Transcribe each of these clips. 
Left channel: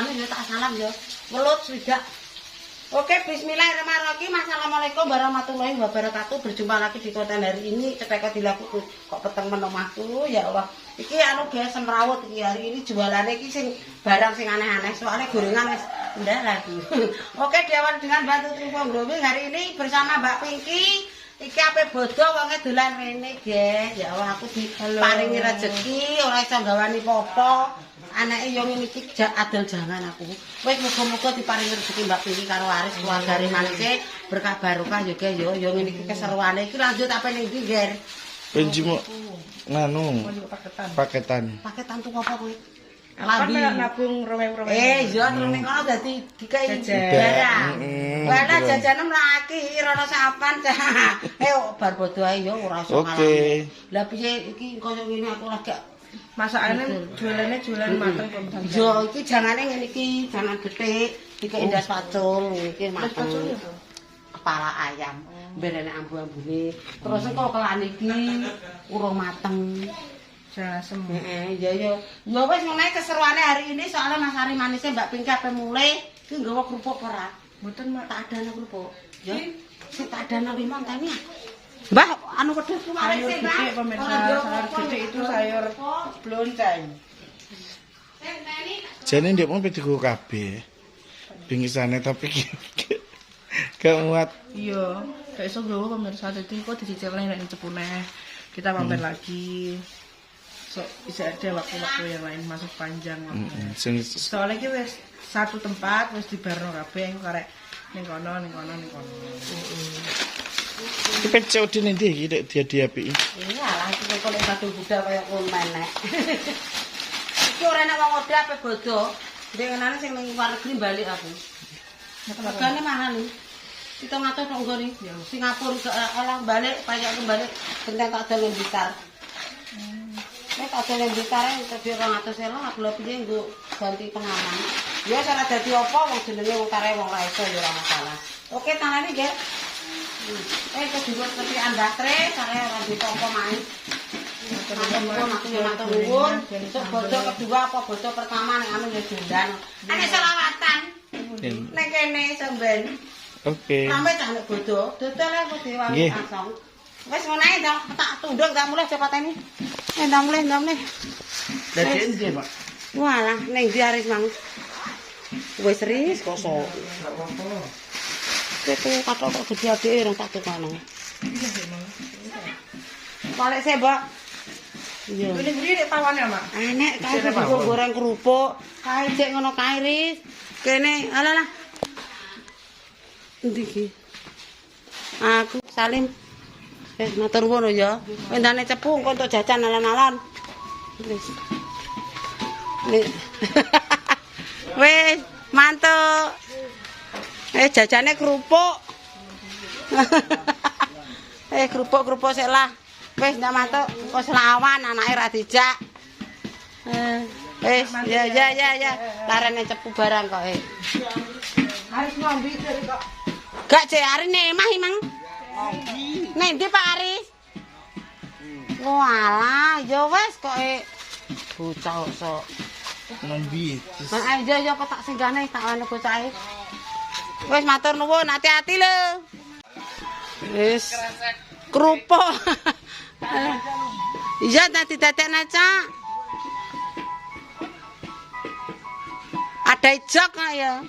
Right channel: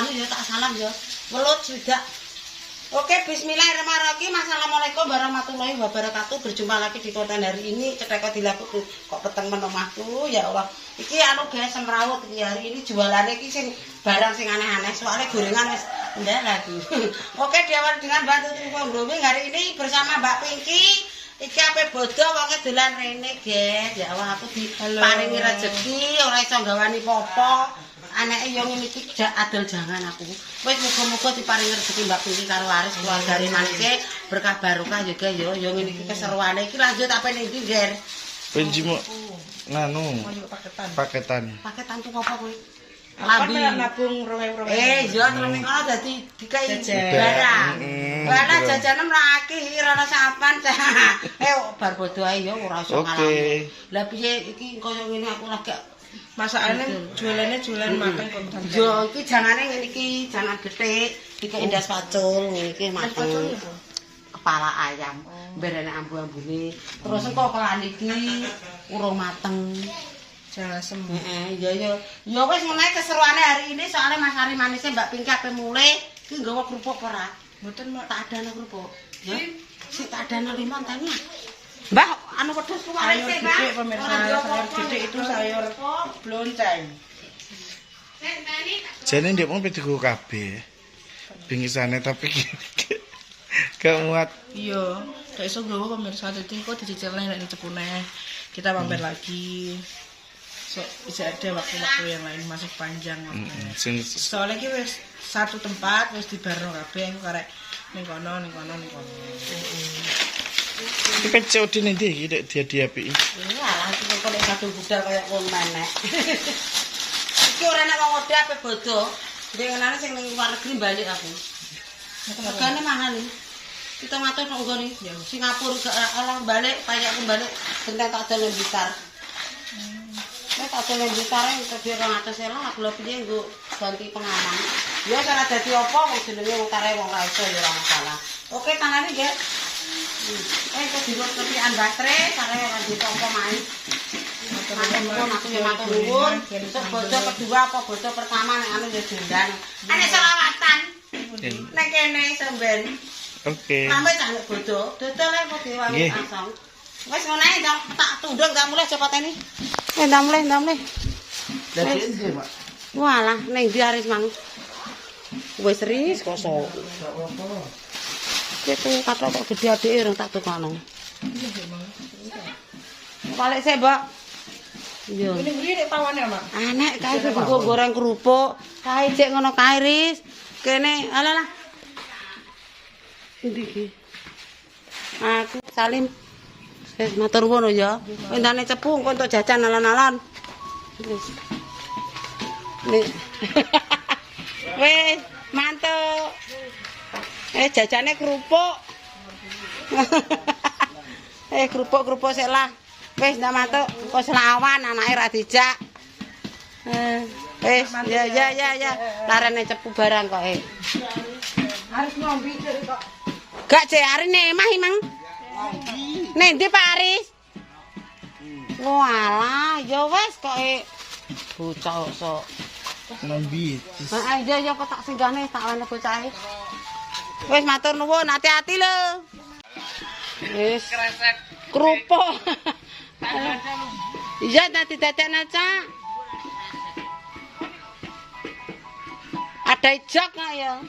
anu ya tak salam ya. Welut swidak. Oke, bismillahirrahmanirrahim. Assalamualaikum warahmatullahi wabarakatuh. Berjumpa lagi di konten hari ini. Cetek dilaku kok peteng menomahku. Ya Allah. Iki anu guys semrawut iki hari ini jualannya iki sing barang sing aneh-aneh. Soalnya gorengan wis ndak lagi. Oke, diawali dengan bantu Trufong Growing hari ini bersama Mbak Pinky. Iki ape bodo wonge dolan rene, guys. Ya Allah aku diparingi rezeki, ora iso gawani popo. Anake yo ngene iki adol jangan aku. Wis muga-muga diparingi rezeki Mbak Pinky karo Aris keluargane manise berkah barokah yo guys yo ngene iki keseruane iki lanjut apa ning ndi, Ger? Penjimo nganu paketan. Paketan tuh apa kuwi? Labi nabung rewe-rewe. Yo terus kono dadi dikai barang. Wala jajanan ora akeh ora sapan. Bar bodo ae yo ora iso ngalami. Lah piye iki koyo ngene aku lagi Masakane jualan mateng kok. Yo iki jangane ngene iki, jangan gethik, dikai ndas pacul iki mateng. Kepala ayam, berene ambu-ambune. Terus kok kelan iki urung mateng. Jasem. Heeh, ya wis ngene keseruane hari ini soalnya Mas Ari manise Mbak Pinky ape mulai iki nggawa kerupuk ora? Mboten, Mak. Tak adana kerupuk. Ya. Sik tak adana limon tani. Mbah, anu wedhus ku Sayur gede pemirsa, sayur gede itu sayur blonceng. Jane ndek wong pedigo kabeh. Bingisane tapi gak muat. Iya, gak iso nggawa pemirsa, dadi kok dicicilne nek cepune. Kita mampir lagi. So, bisa ada waktu-waktu yang lain masih panjang waktunya. Soalnya iki wis satu tempat wis dibarno kabeh engko karek ning kono. Iki pencet ning ndi iki nek dia diapiki. Iya lah iki kok nek satu budal kaya kon menek. Iki ora enak wong ode ape bodo. Dengenane sing ning luar negeri balik aku. Regane mahal iki. Kita ngatur tok nggone. Ya Singapura Allah balik, payah aku balik benten tak dolen Blitar. Nek tak dolen Blitar kerja 200 elang aku lho piye nggo ganti pengaman. Ya cara dadi apa wong jenenge wong kare wong ra iso ya ora masalah. Oke, tangane nggih. Kok dibuat ketian baterai karena orang di toko main. Matur nuwun. Bojo kedua apa bojo pertama nek anu ya dundan. Ane selawatan. Nek kene sampean. Oke. Sampe cah nek bodo, dodol kok diwangi asong. Wis ngono ae tak tunduk gak mulai cepet ini. Ndang mulai. Dadi endi, Pak? Walah ning ndi Aris mang. Wis ris kosok. Itu kata kok gede adike orang tak tukano. Balik sih, Mbak. Iya. Ini ngene nek pawane, Mak. Anek kae digo goreng kerupuk, kae cek ngono kae ris. Kene alah. Endi iki? Aku Salim. Wis matur nuwun ya. Endane cepu engko untuk jajan alon-alon. Nih. Wis, mantuk. Jajane kerupuk. Kerupuk sik lah. Wis ndak matuk, kok selawan anake ra dijak. Ya. Larene cepu barang kok. Harus ngombe kok. Gak cek arine emah imang. Nek ndi Pak Aris? Walah, ya wis kok bocah sok. Ngombe. Heeh, ya kok tak singgahne tak ana bocahe. Wis matur nuwun, hati-hati lho. Wis kerupuk. Iya tadi dadekna, Cak. Ada jok ya.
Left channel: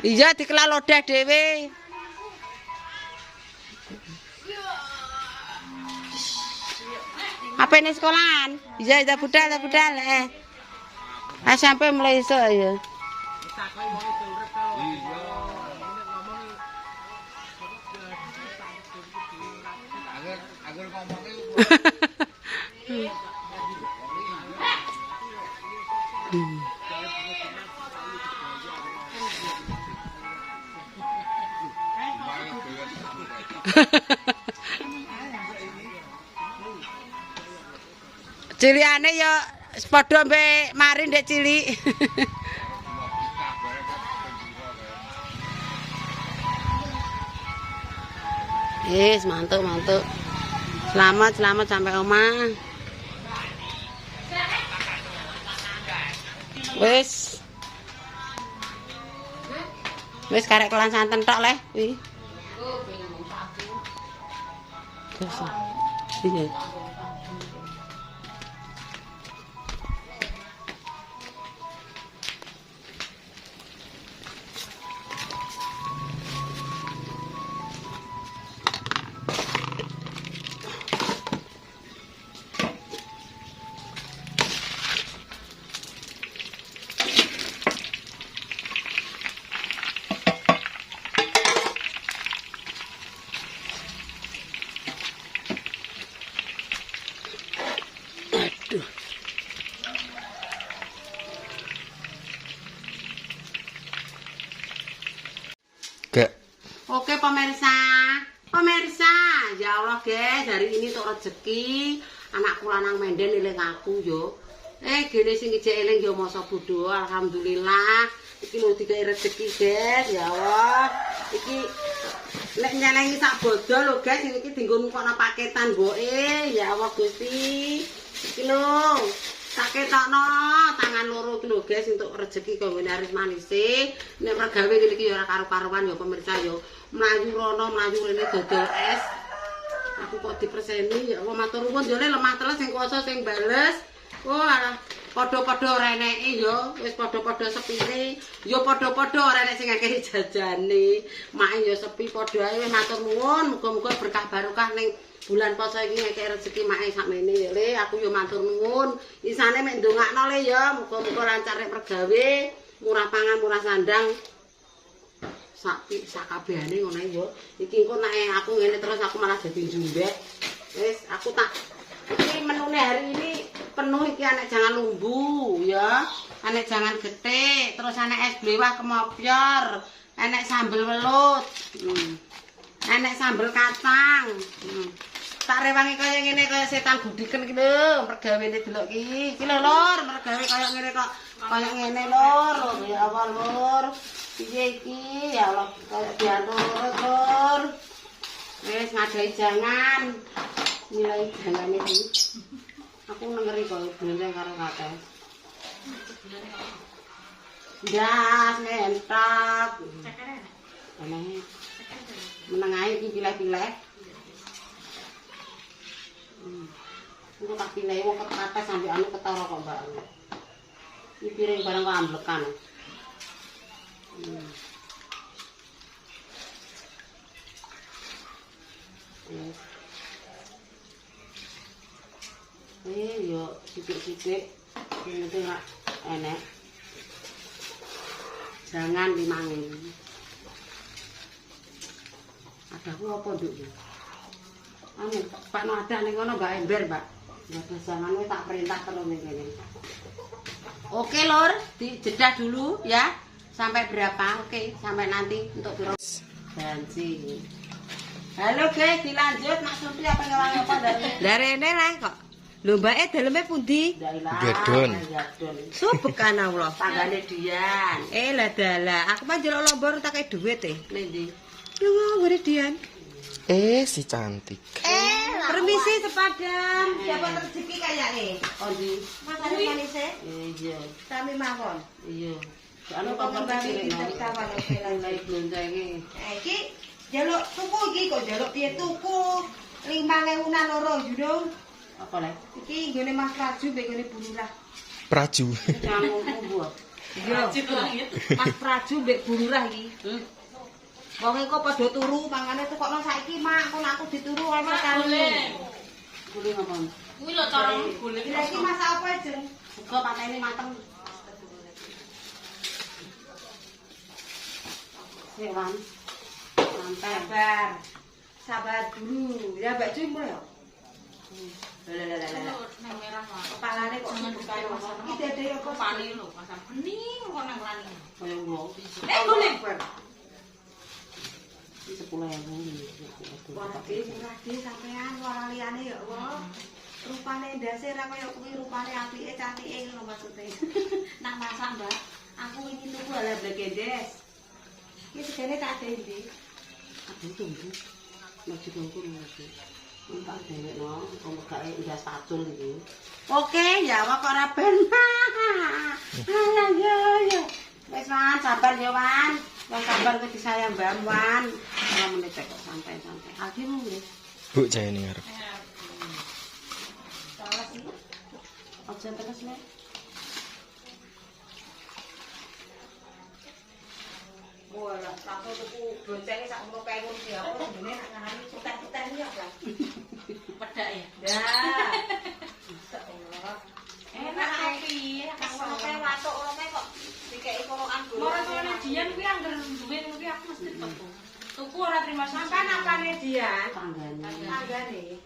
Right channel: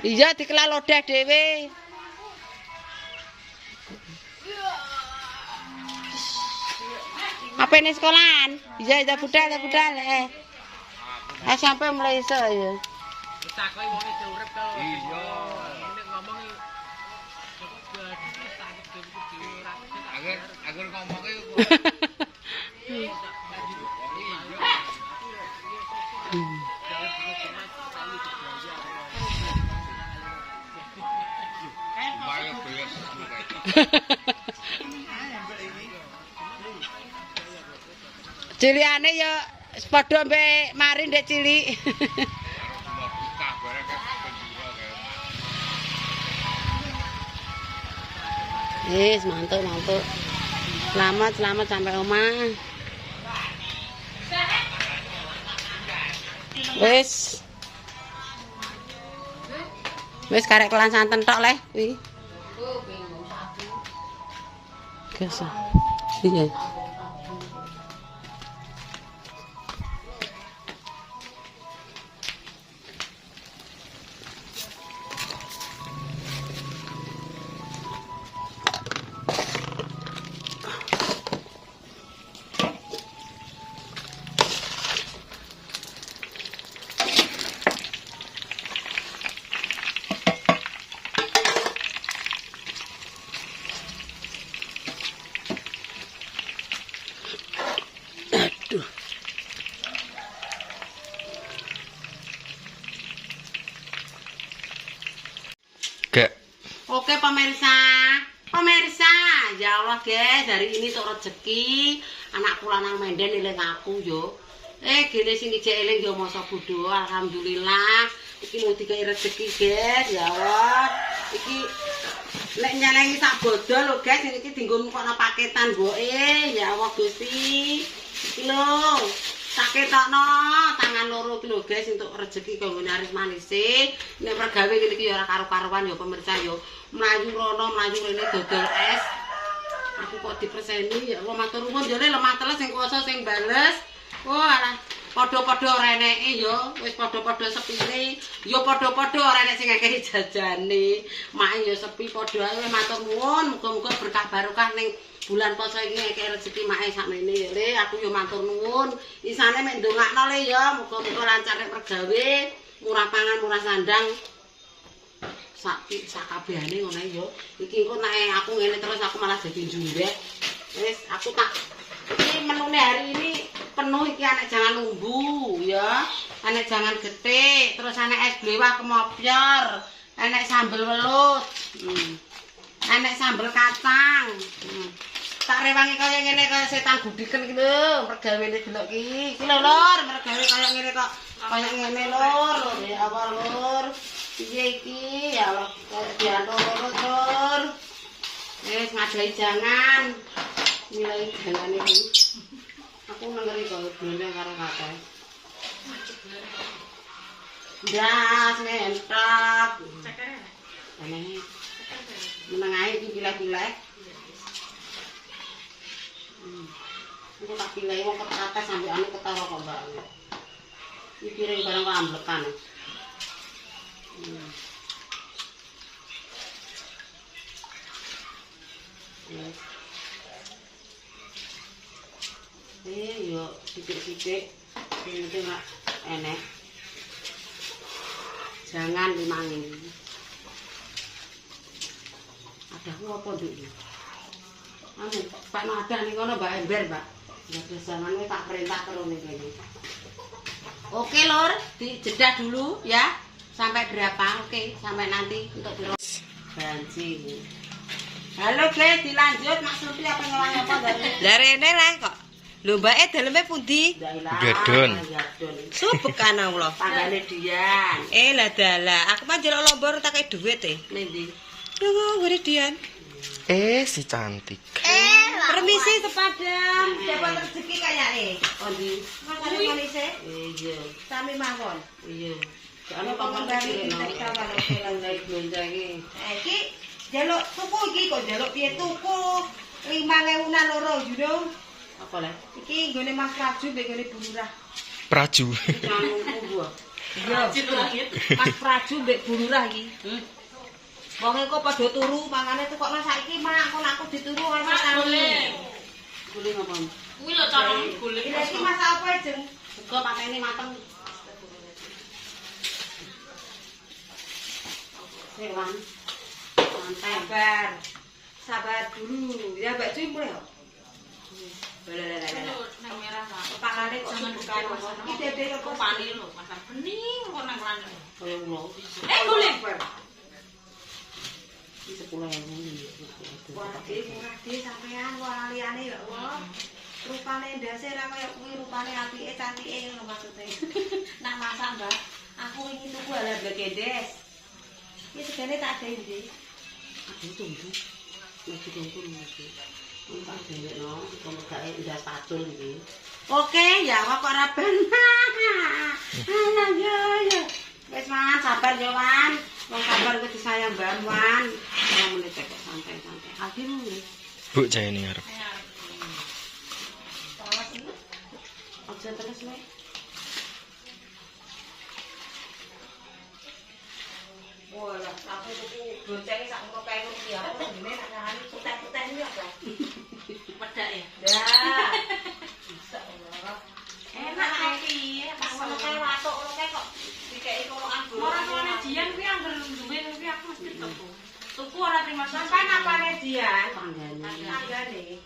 Iya dikelah lodeh dhewe. Apa ini sekolahan? Iya budal. Sampai mulai iso ya. Agar ngomongnya ciliane ya padha mbek mari ndek cilik. Yes, mantap. Selamat sampai omah. Wis. Wis karek kelan santen tok le kuwi. Biasa. Iya. Gak. Oke pemirsa, ya Allah guys, hari ini tuh rezeki anakku lanang menden eling aku yo. Gini sing ijek eling yo masa bodho, alhamdulillah. Iki lho dikai rezeki guys, ya Allah. Iki lek nyelengi sak bodol lho guys, iki dienggo mukokno paketan mboke, ya Allah Gusti. Iki lho tak ketokno tangan loro iki lho guys untuk rezeki kanggo naris manise. Nek pergawe ngene iki ya ora karo-karuan ya pemirsa ya. Mlayu rono, mlayu rene dodol es. Aku kok diperseni ya Allah matur nuwun jane lemah teles sing kuwasa sing bales. Oh alah padha-padha ora eneke ya, wis padha-padha sepine. Ya padha-padha ora enek sing ngekeki jajane. Mak ya sepi padha ae matur nuwun, muga-muga berkah barokah ning bulan puasa iki ngekek rezeki mae sakmene ya Le, aku yo matur nuwun. Isane mek ndongakno Le ya, muga-muga lancar nek pergawe, murah pangan, murah sandang. Sakabehane ngono ya. Iki engko nek aku ngene terus aku malah jadi jumbek. Wis aku tak iki menune hari ini penuh iki anek jangan lumbu ya. Anek jangan getik, terus anek es blewah kemopyor, anek sambel welut. Anek sambel kacang. Tak rewangi kaya ngene kaya setan gudiken iki lho, pergawene delok iki. Iki lho Lur, pergawe kaya ngene kok kaya ngene Lur. Ya Allah Lur. Piye iki? Ya Allah, kaya diatur Lur. Wis ngadahi jangan. Nilai jangane iki. Aku nengeri kok blendeng karo kakek. Ndas mentak. Aneh. Meneng ae iki pilih-pilih. Aku tak pilih wong kata sampe anu ketara kok Mbak. Iki piring barang kok amblekan. Yo sithik-sithik sing penting rak enek. Jangan dimangin. Adaku apa nduk iki? Anu, Pak no ada ning kono Mbak Ember, Mbak. Ya besangan wis tak perintah terus ning kene. Oke, Lur, dijeda dulu ya. Sampai berapa? Oke, sampai nanti untuk bensin. Halo guys, dilanjut Mas Surti apa ngewangi apa dari ini lah kok. Lho mbake daleme pundi? Gadon. Subukan Allah. Tanggane Dian. Lah dalah, aku mah njaluk lombor tak kei dhuwit e. Nendi? Yo ngene Dian. Si cantik. Permisi sepadam. Dapat rezeki kayake. Ondi? Makane manise? Iya. Sami mawon. Iya. Ana pembali iki kawan oke lan blonjang iki. Iki njaluk tuku iki kok njaluk piye tuku? 5.000-an loro, you apa le? Iki nggone Mas Praju mbek nggone Bu Lurah. Praju. Ngomongku. Iya, Mas Praju mbek Bu Lurah iki. Wong kok padha turu mangane tukokno saiki mak kok aku dituru wae sakane. Guling apa? Kuwi lho carane guling. Iki masak apa jeng? Sego pateni mateng. Hewan. Santai. Sabar dulu. Ya Mbak Cuy mulai. Pangane kok bukan masalah. Iki dede apa pane lho, pasang bening kok nang rane. Kaya ulo. Golek. Iki 10.000. Wah, iki murah iki sampean wong liyane ya Allah. Rupane ndase ra kaya kuwi, rupane apike cantike ngono maksude. Nak masak, Mbak. Aku ingin tuku ala blegendes. Iki segene tak gawe iki. Aduh tunggu. Lagi tunggu lagi. Tak gawe no, kok gak ndas pacul iki. Oke, ya kok ora ben. Ayo. Wis Wan, sabar ya Wan. Wong sabar kuwi disayang Mbak Wan. Ora meneh cek kok santai-santai. Aldi mule. Bu jane ngarep. Aja terus le. Wah, aku tuku boncenge sak ngono kae ngono iki aku ndene nak nyarani putih-putih iki apa? Pedak ya. Dah. Enak iki, pas ngono kae watuk ngono kae kok dikeki kolokan dulu. Ora tuane Dian kuwi anggar duwe kuwi aku mesti tuku. Tuku ora terima sampai napane Dian. Tanggane.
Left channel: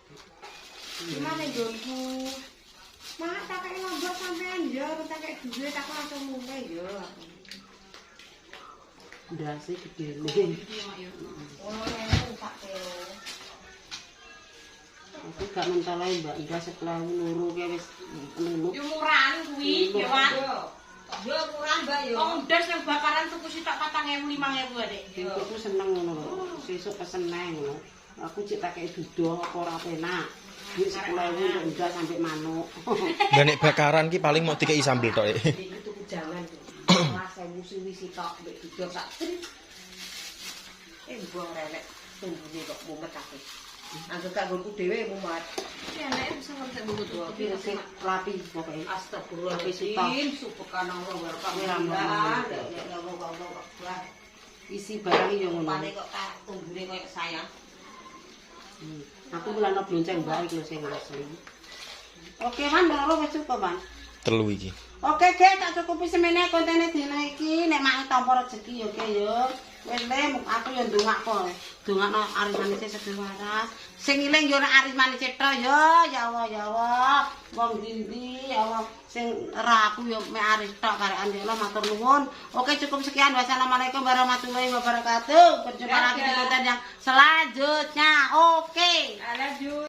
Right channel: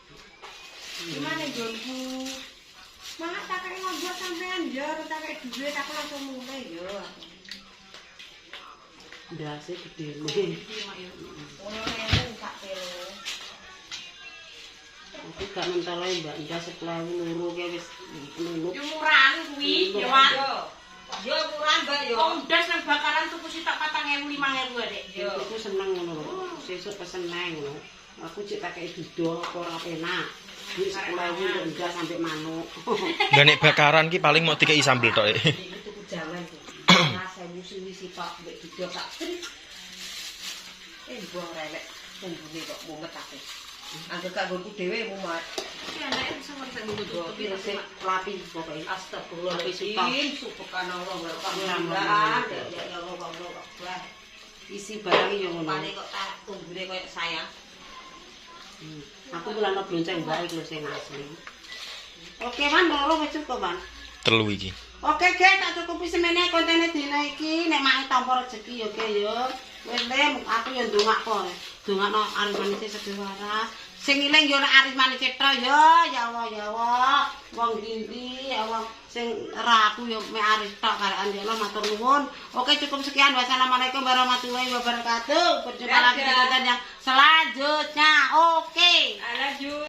Gimana jonku? Mak tak kei ngono sampean ya, tak kei duwe tak langsung mulai ya. Ndase gede nih. Ono ngene tak kene. Aku gak mentolai Mbak Indah sekolah loro ki wis nuluk. Yo murahan kuwi, yo Wan. Yo murah Mbak yo. Wong ndas nang bakaran tuku sitok 4.000 5.000 Dek. Aku seneng ngono lho. Sesuk pesen nang ngono. Aku cek tak kei dudoh apa ora penak. Duit 10.000 enggak sampai manuk. Lah nek bakaran ki paling mau dikei sambel tok. Itu jangan. Rasa musuhi sitok mbek dudoh sak trit. Buang rewek tumbune kok mumet aku. Angger tak nggonku dhewe mumet. Iki anake bisa ngerti nggo Iki resik lapi pokoke. Astagfirullahaladzim, subhanallah wa Alhamdulillah. ya Allah Allah. Isi barang yo ngono. Pane kok tak tumbune koyo sayang. Aku mulane blonceng Mbak iki lho sing asli. Oke, Man, loro wis cukup, Man. 3 iki. Oke, Ge, tak cukupi semene kontene dina iki. Nek mak tampa rezeki yo, Ge, yo. Wis le, aku yo ndongakno. Dongakno aris manise sedhe waras. Sing iling yo nek aris manise tok yo, ya Allah, ya Allah. Wong ndi ya Allah sing ra aku yo mek aris tok karekan ya Allah matur nuwun. Oke, cukup sekian. Wassalamualaikum warahmatullahi wabarakatuh. Berjumpa lagi di konten yang selanjutnya. Oke. Lanjut.